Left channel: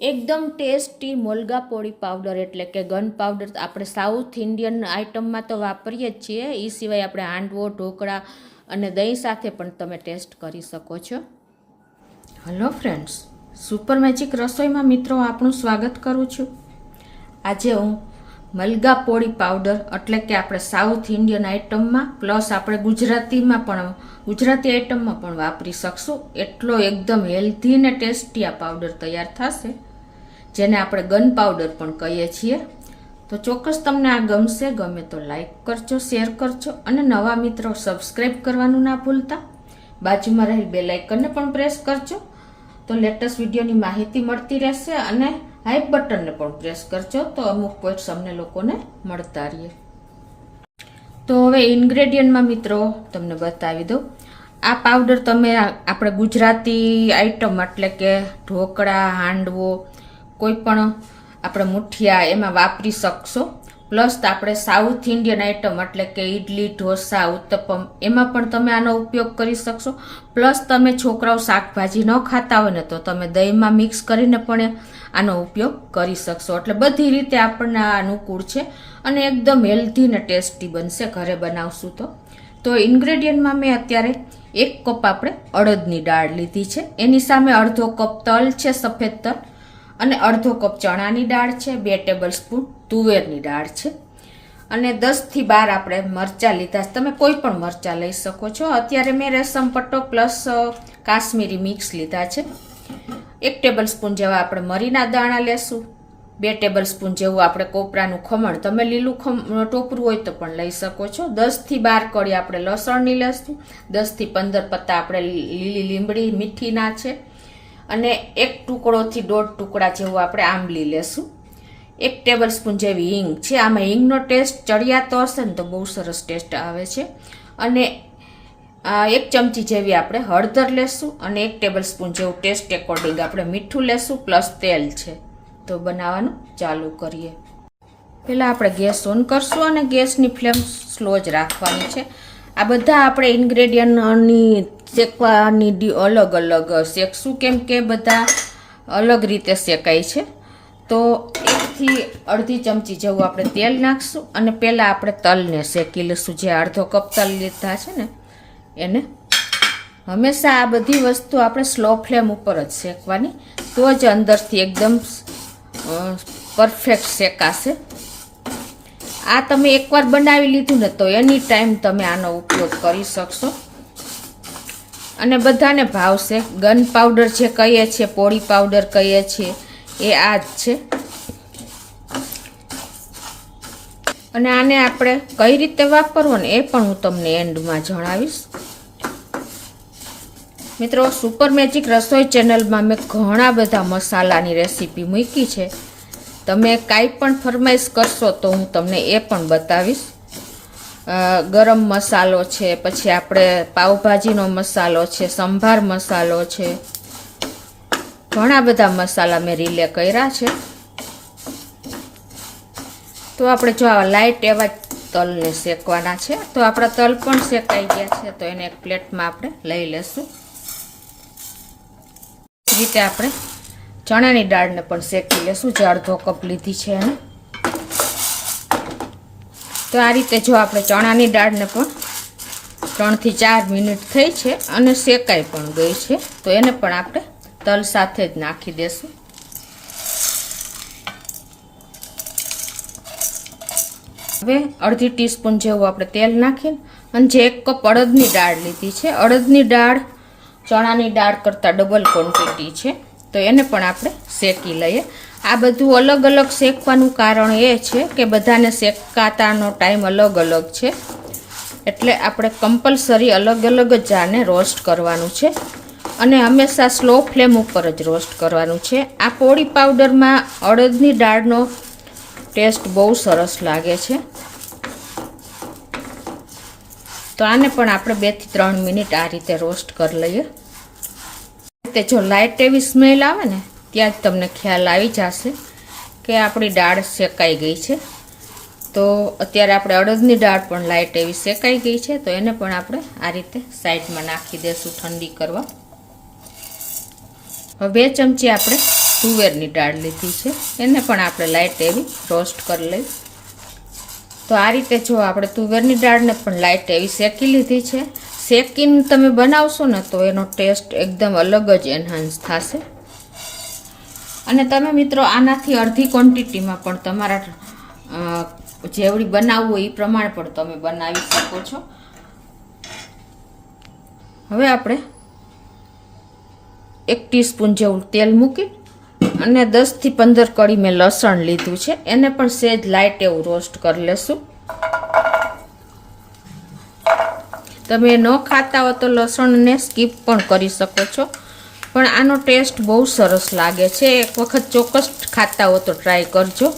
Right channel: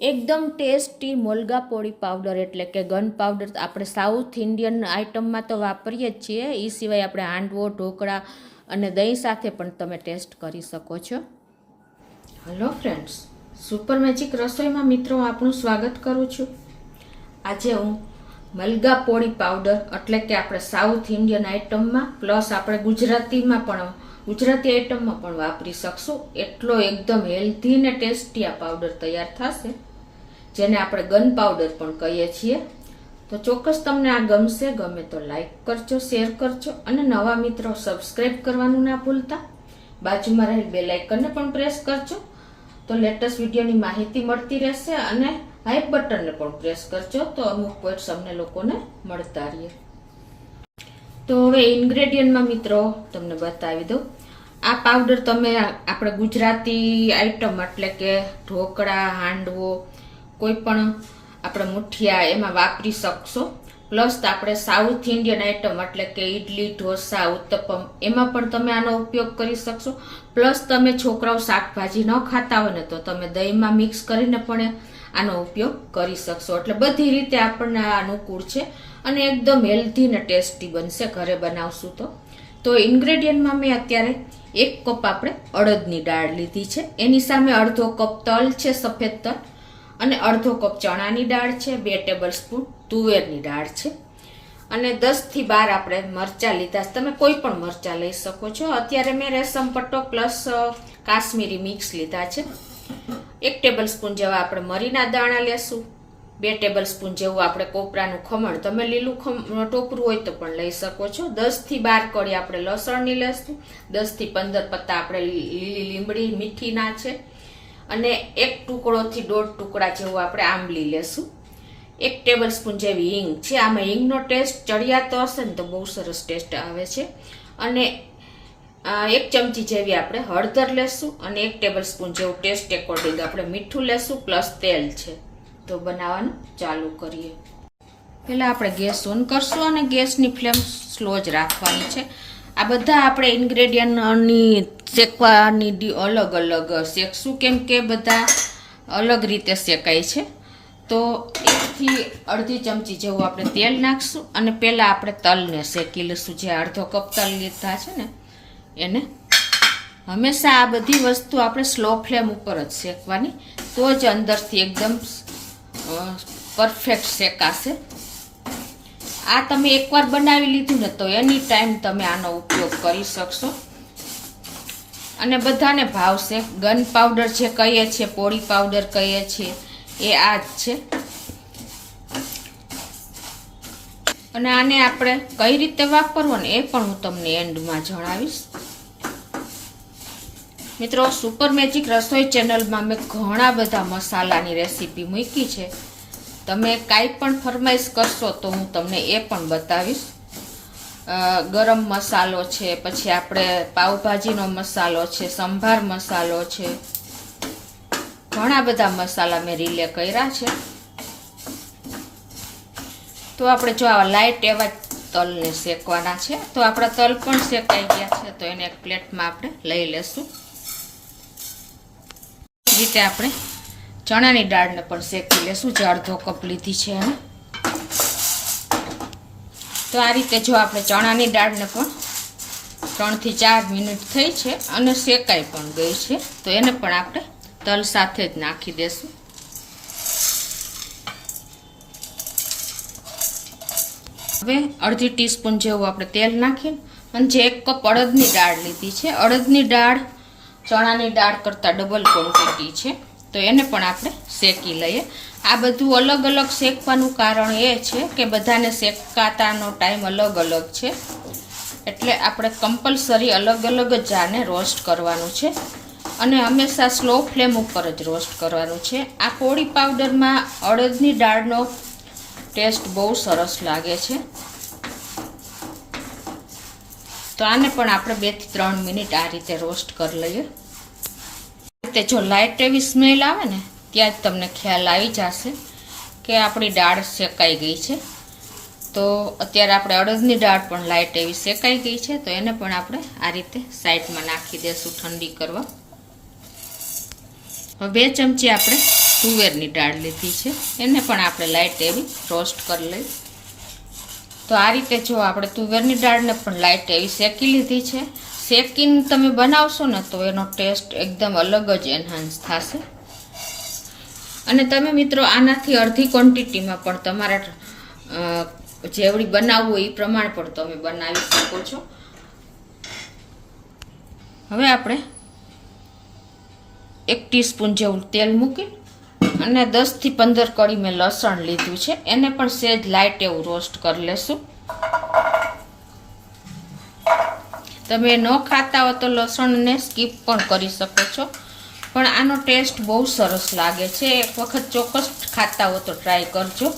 એકદમ ટેસ્ટી મોલગા પોળી પાવડર એટલે કે ગન પાવડર આપણે સાઉથ ઇન્ડિયન આઇટમમાં તો વાપરીએ જ છીએ. એ સિવાય આપણે હાંડવો, ઢોકળા અને દહીં સાથે પણ તમે ટેસ્ટ કરી શકો છો. હેલો ફ્રેન્ડ્સ, સુપર મેજિક રસોઈમાં મિત્રો આપનું સ્વાગત કરું છું. આજે હું મલગા પોળી પાવડર એટલે કે આપણે સાઉથ ઇન્ડિયન આઇટમમાં પ્લસ આપણે ગુજરાતી આઇટમમાં પણ વાપરી શકશું. એટલો એકદમ હેલ્ધી ને ટેસ્ટી આ પાવડર તૈયાર થશે, જેને આપણે ગન પાવડર પણ કહીએ છીએ. તો ચોક્કસ તમને આ ગમશે. ગમે તો લાઈક કરજો, શેર કરજો અને નવા મિત્રો સબસ્ક્રાઈબ કરવાનું ના ભૂલતા. બાજુમાં રહેલ બેલ આઇકનને પણ પ્રેસ કરજો તો લેટેસ્ટ વિડીયોની માહિતી મળતી રહેશે. અને હાઈ બટનને પણ પ્રેસ કરજો તો અમુક પોઈન્ટ્સ અમને લોકોને મળતા રહીએ. તો હવે ઇન્ગ્રેડિયન્ટમાં મિત્રો તમને બતાવી દઉં. આ પાવડર તમે આપણે ગુજરાતી આઈટમ એટલે કે ઢોકળા, હાંડવો, કોઈ પણ આપણે મુઠિયા એમાં વાપરી શકશો. પ્લસ આપણે સાઉથ ઇન્ડિયન આઈટમ એટલે કે ઇડલી, ઢોસા, ઉત્તપમ એમાં પણ તમે આનો ઉપયોગ કરી શકશો. પ્લસ તમે છોકરાઓ શાકભાજી ન ખાતા હોય ને તો તમે દહીંમાં મિક્સ કરીને પણ આનો ઉપયોગ કરી શકશો. એટલે બધી રીતે આપણને અનુકૂળ છે અને એકદમ હેલ્ધી ને ટેસ્ટી બનશે ઘરે બનાવશું તો. તો ઇન્ગ્રેડિયન્ટમાં મેં અત્યારે 1 કપ આપણે અડદની દાળ લીધી છે. એની સામે અડધો કપ તલ છે, સફેદ તલ, અને અડધો કપ ચણાની દાળ છે, 2 ટેબલ સ્પૂન તુવેરની દાળ છે, અને 10 થી 12 આપણે મરચાં લીધા છે. તમે કોઈ પણ મરચાં લઈ શકો છો. અત્યારે મેં રેશમ પટ્ટો પ્લસ કાશ્મીરી મિક્સ લીધા છે. 1 ટેબલ સ્પૂન જેવા આપણે મરીના દાણા લેશું. 2 ટેબલ સ્પૂન જેવું આપણે કોપરાનું ખમણ, તમે લીલું ટોપરું હોય તો પણ લઈ શકો છો. 10 થી 12 કળી આપણે લસણની લેશું. 10 થી 15 પત્તા આપણે લીલી લીમડી મીઠીના છે, અને 1 ટુકડોથી 1.5 ટુકડા જેવું આપણે આંબલી લેશું. 1 ટેબલ સ્પૂન જેવી હિંગ છે. આમાં હિંગનો ટેસ્ટ ચડિયાતો હશે ને તો બહુ સરસ ટેસ્ટ આવે છે. અને 1 ચમચી જેવી આપણે હળદર લેશું, અને 1 ટેબલ સ્પૂન જેવું ટેસ્ટ એકોર્ડિંગ આપણે મીઠું લેશું, પ્લસ તેલ છે. તો બનાવવાનું ચાલુ કરીએ. પહેલાં આપણે ગેસ ઓન કરશું અને ગેસની ફ્લેમ સ્લો જ રાખવાની છે. આ બધા આપણે ઇન્ગ્રેડિયન્ટની શેકવાની અલગ અલગ શેકશું, કેમ કે બધા અલગ રીતે શેકાય છે. તો 1 થી અડધી ચમચી જેવું આપણે તેલ નાખશું, અને પહેલાં આપણે તલને શેકી લઈશું. જે અડધો કપ તલ લીધા છે ને એને હંમેશા આ બધી વસ્તુ આપણે સ્લો ફ્લેમ ઉપર જ શેકવાની, તો જ અંદરથી એકદમ પરફેક્ટ શેકાશે. આ તમે એકવાર બનાવી લીધું ને તો એની ટાઈમ તમે આનો ઉપયોગ કરી શકશો અને બધાને ભાવશે. ગન પાવડર જે કહીએ છીએ, પોળી પાવડર કહીએ છીએ, એ આ જ છે. અને આને આપણે કઈ રીતે વાપરવો ને એ પણ હું તમને એન્ડમાં જણાવીશ. મિત્રો, સુપર મેજિક રસોઈ ચેનલમાં મેં ઘણા બધા મસાલાની રેસીપી મૂકી છે. તમે કાંઈ પણ ફરમાઈશ કરશો તો હું તમને એ પણ બતાવીશ. ગરમ મસાલો છે, પછી આપણે પાવભાજીનો મસાલો છે, સંભાર મસાલો છે, ઘણા બધા મસાલા મેં રીલે કર્યા છે. તો આપણે જો આ લાઇટ એવા તલને શેકવાના છે. તો આપણા તલ પણ શેકાઈ ગયા છે, તો એને એક પ્લેટમાં આપણે લઈ લેશું. રીતે આપણે ચણાની દાળને પણ શેકી લેશું, જે અડધો કપ લીધી છે એને. તો આ રીતે જો આપણે ચણાની દાળને પણ 3 થી 4 મિનિટ થઈ છે અને શેકાઈ પણ ગઈ છે, તો એને પણ આપણે તલ સાથે જ નાખી દેશું. હવે અડધી ટીસ્પૂન જેવું આપણે તેલ નાખીને, અને જે 1 કપ અડદની દાળ લીધી છે, અડદની દાળ ચણાની દાળ કરતાં ડબલ ક્વોન્ટિટી છે, તો એને પણ આપણે શેકી લઈએ. આ બધું અલગ અલગ શેકવાનું કારણ એ છે કે બધાને શેકાતાનો ટાઈમ અલગ અલગ છે, એટલે આપણે કમ્પલસરી અલગ અલગ જ આને રોસ્ટ કરવાનું છે, અને હંમેશા સ્લો ફ્લેમ ઉપર જ રોસ્ટ કરવાનું છે. આ પોળી પાવડરમાં અડદની દાળનો ટેસ્ટ બહુ સરસ લાગે છે. તો આને પણ આપણે 2 થી 3 મિનિટ આ રીતે રોસ્ટ કરી લઈએ. જો લાઇટ એવી સ્મેલ આવે ને ત્યાં જ તમને ખ્યાલ આવી જશે કે આપણી દાળ શેકાઈ ગઈ છે. તો અત્યારે આપણે અડદની દાળ પણ લાઇટ એવી શેકાઈ ગઈ છે, તો એને પણ આપણે આ રીતે સાઈડમાં નાખી દઈશું ઠંડી કરવા. હવે 2 ચમચી આપણે તુવેરની દાળ લીધી છે, એને પણ આપણે લાઇટ એવી રોસ્ટ કરી લઈ. તો આ રીતે જો આપણે તુવેરની દાળને પણ લાઇટ એવી શેકી લીધી છે. શેકીને તમે બનાવશો ને તો એનો ટેસ્ટ એકદમ અલગ જ એન્હાન્સ થશે. અને તમે મિત્રો આનાથી અડધી ક્વોન્ટિટીમાં પણ તમારા જેવડી બનાવવું હોય એ પ્રમાણે પણ તમે બનાવી શકો છો. હવે આપણે 1 ટીસ્પૂન જેવું તેલ મૂકી અને 10 થી 15 કળી મેં લસણ લીધું છે, એને પણ સહેજ લાઇટ એવું રોસ્ટ કરી લેશું. તમે ન ખાતા હો તો લસણને સ્કીપ પણ કરી શકો છો, પણ આનો ટેસ્ટ બહુ સરસ લાગે છે. એક વખત ચોક્કસ ખાતા હો તો ટ્રાય કરજો.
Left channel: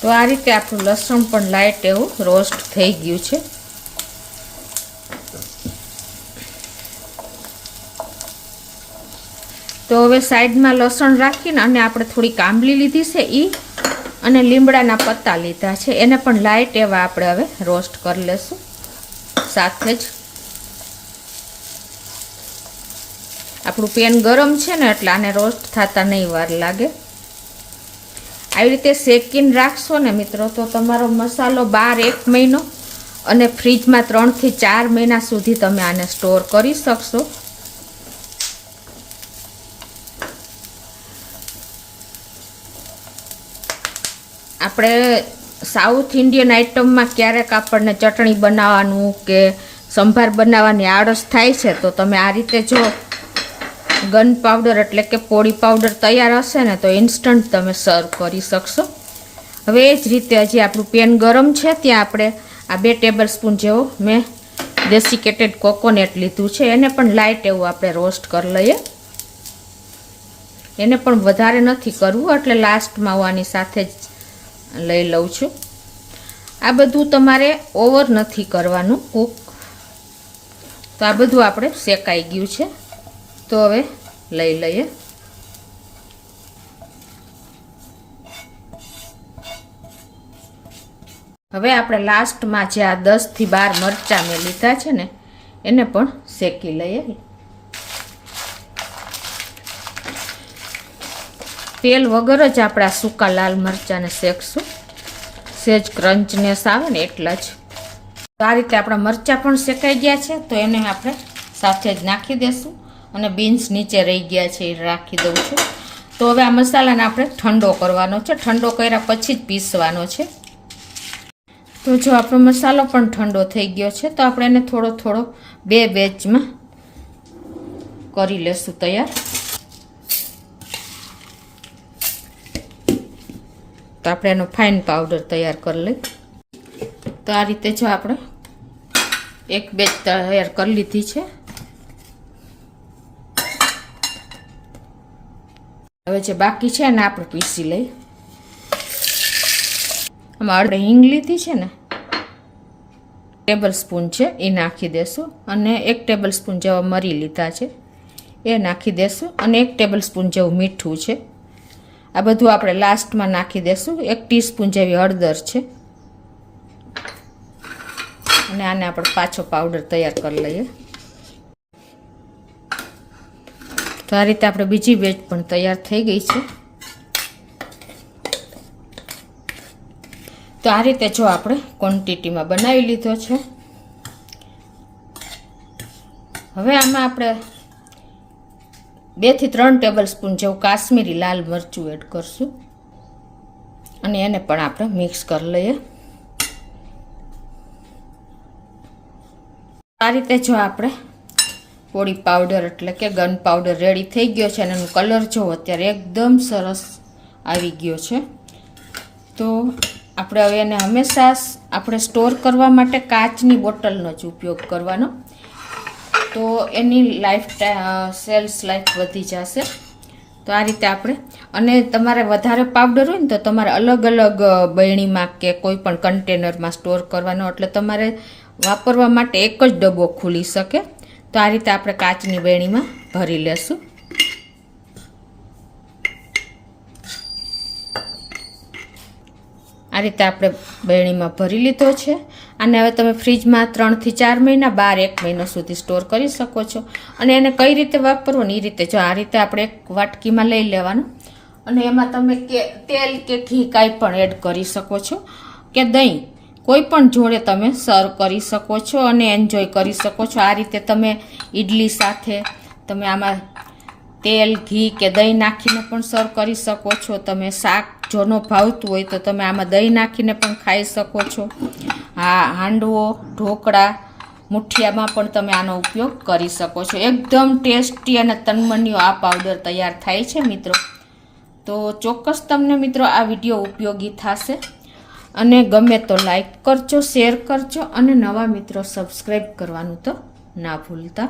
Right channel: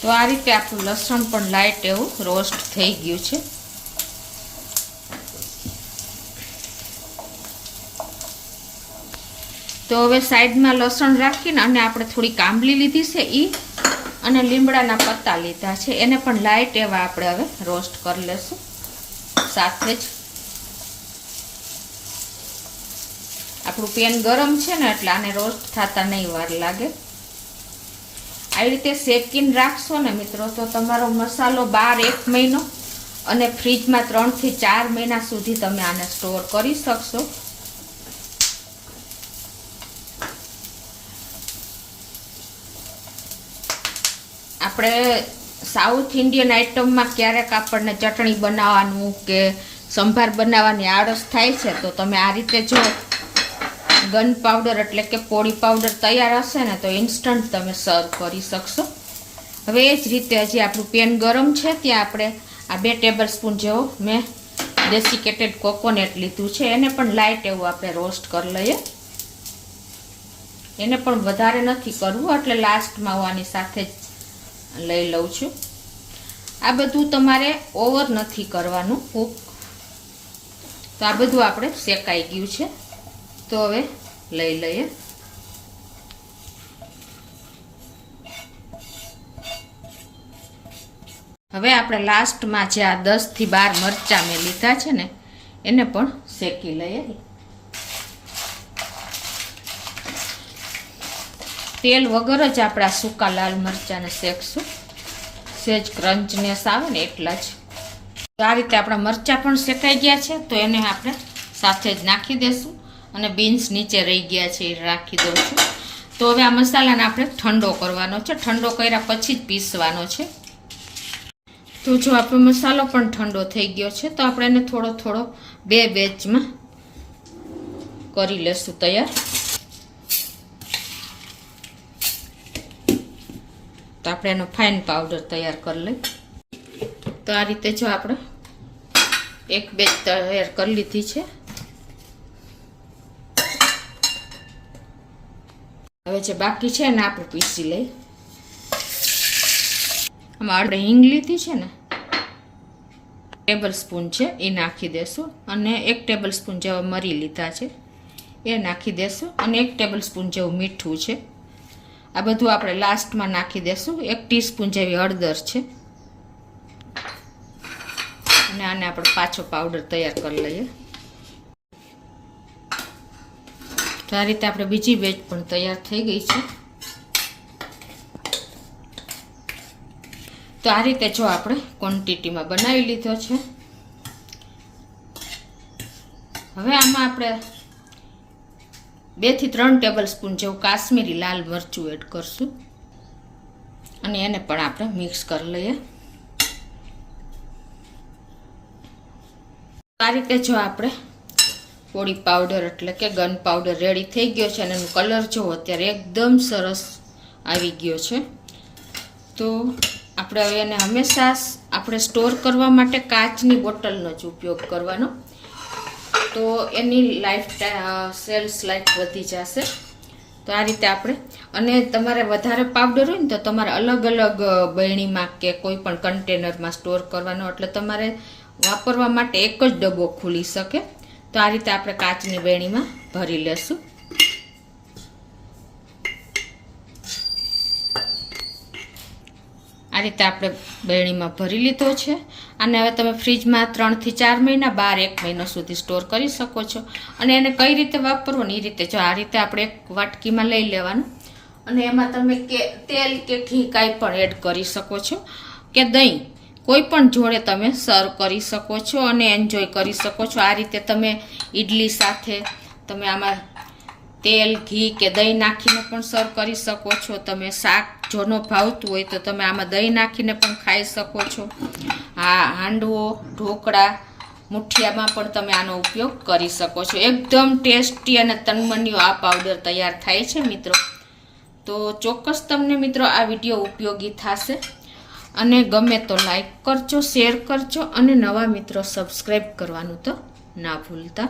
તો આ રીતે આપણું લસણ પણ લાઇટ એવું રોસ્ટ થઈ ગયું છે. તો હવે સાઈડમાં લસણ રાખીને અને આપણે થોડીક આંબલી લીધી છે અને લીમડાના પત્તા લીધા છે, એને પણ લાઇટ એવા આપણે હવે રોસ્ટ કરી લેશું. સાથે જ આપણું પેન ગરમ છે ને એટલે આને રોસ્ટ થતા નહીં વાર લાગે. આવી રીતે શેકીને રાખશો ને મિત્રો તો તમારો મસાલો બહાર 1 મહિનો અને ફ્રીજમાં 3 થી 4 મહિના સુધી તમે આને સ્ટોર કરી શકશો. આપણે સાઉથ ઇન્ડિયન આઇટમમાં ક્યારેક આપણને ચટણી બનાવવાનું કે સંભાર બનાવવાની આળસ થાય છે, તો તમે આ રીતે જો ગન પાવડર એટલે કે પોળી પાવડર તૈયાર હશે ને તો ઇન્સ્ટન્ટ તમે સર્વ કરી શકશો. હવે એ જ રીતે હજી આપણું પેન ગરમ છે ત્યાં આપણે આ 2 ટેબલ સ્પૂન જેવો મેં ડેસિકેટેડ કોકોનટ લીધું છે, એને પણ લાઇટ એવું આપણે રોસ્ટ કરી લઈએ. એને પણ વધારે નથી કરવું એટલે લાસ્ટમાં હું આની સાથે જ લઈ લઉં છું. આ બધું તમારે ઓવર નથી કરવાનું કૂક. તો આ બધું આપણે શેકાઈ ગયું છે, તો હવે લઈ લઈએ. હવે આપણે લાસ્ટમાં જે આ 10 થી 12 મરચાં મેં લીધા છે ને એને પણ શેકી લઈએ. તેલ વગર જ આપણે આ સૂકા લાલ મરચાંને શેકશું, સહેજ ક્રંચનેસ આવે ને એટલા જ. તો આ રીતે આપણા મરચાં પણ શેકાઈ ગયા છે, તો એને આપણે સાથે જ નાખી દેશું. અને બીન્સ નીચે રહી ગયા છે એ રાખી દઉં છું. તો હવે આ મસાલાને આપણે ઠંડો કરવાનો છે, ઠંડો કર્યા પછી જ પીસવાનો છે. તો જો આપણો મસાલો પણ ઠંડો થઈ ગયો છે, તો આપણે એને થોડો થોડો 2 બેચમાં કરી લેશું તૈયાર. તો આપણે એનો ફાઇન પાવડર તૈયાર કરી લઈએ. તો આ રીતે જો આપણે 1 બેચ તૈયાર કરી લીધી છે. હવે જે બાકી છે ને આપણે પીસી લઈ. આમાં આપણે હિંગ લીધી છે ને ટેબલ સ્પૂન છે એ નાખી દેશું, અને 1 ટેબલ સ્પૂન જેવા મરી લીધા છે એ નાખી દેશું, અને 1 ટેબલ સ્પૂન જેવું મીઠું છે. આ બધું આપણે લાસ્ટમાં નાખી દેશું. 1 ટીસ્પૂન જેવી હળદર છે, અને આને આપણે પાછો પાવડર તૈયાર કરી લઈએ. તો આ રીતે આપણે બીજી બેચ પણ તૈયાર થઈ ગઈ છે. તો આ રીતે જો આપણે ક્વોન્ટિટીમાં બનાવી લીધો છે. હવે આમાં આપણે 2 થી 3 ટેબલ સ્પૂન જેવું કાશ્મીરી લાલ મરચું એડ કરશું, અને એને પણ આપણે મિક્સ કરી લઈએ. આ રીતે જો આપણે પોળી પાવડર એટલે કે ગન પાવડર રેડી થઈ ગયો છે, અને એનો કલર જો અત્યારે એકદમ સરસ આવી ગયો છે. તો આપણે હવે એને હંમેશા આપણે સ્ટોર કરવા માટે કાચની બોટલનો જ ઉપયોગ કરવાનો, તો એની સેલ્સ લાઈફ વધી જશે. તો આ રીતે આપણે, અને તમારે વધારે પાવડર હોય ને તો તમારે અલગ અલગ બરણીમાં કે કોઈ પણ કન્ટેનરમાં સ્ટોર કરવાનો, એટલે તમારે વાપરવા માટે એક જ ડબ્બો ખુલી શકે. તો આ રીતે આપણે કાચની બરણીમાં ભરી લેશું. આ રીતે આપણે બેણીમાં ભરી લીધો છે. અને હવે તમે ફ્રીજમાં 3 થી 4 મહિના, બહાર 1 મહિનો સુધી સ્ટોર કરી શકો છો. અને એને કઈ રીતે વાપરવું ને એ રીતે જો આ રીતે આપણે એક વાટકીમાં લઈ લેવાનું અને એમાં તમે તેલ કે ઘી કાંઈ પણ એડ કરી શકો છો કે દહીં કોઈ પણ જોડે તમે સર્વ કરી શકો છો અને એન્જોય કરી શકો છો. આ રીતે તમે ઈડલી સાથે તમે આમાં તેલ ઘી કે દહીં નાખીને પણ સર્વ કરી શકો છો. તમે શાક જો ન ભાવતું હોય તો તમે આમાં દહીં નાખીને પણ ખાઈ શકો છો. હાંડવો, ઢોકળા, મુઠિયામાં પણ તમે આનો ઉપયોગ કરી શકો છો. એકદમ ટેસ્ટી અને તન્મન્યો આ પાવડર તૈયાર થાય છે મિત્રો. તો ચોક્કસ તમને મિત્રો આ વિડીયો ઉપયોગી થશે અને ગમે તો લાઈક કરજો, શેર કરજો અને નવા મિત્રો સબસ્ક્રાઈબ કરવાનું તો ના ભૂલતા.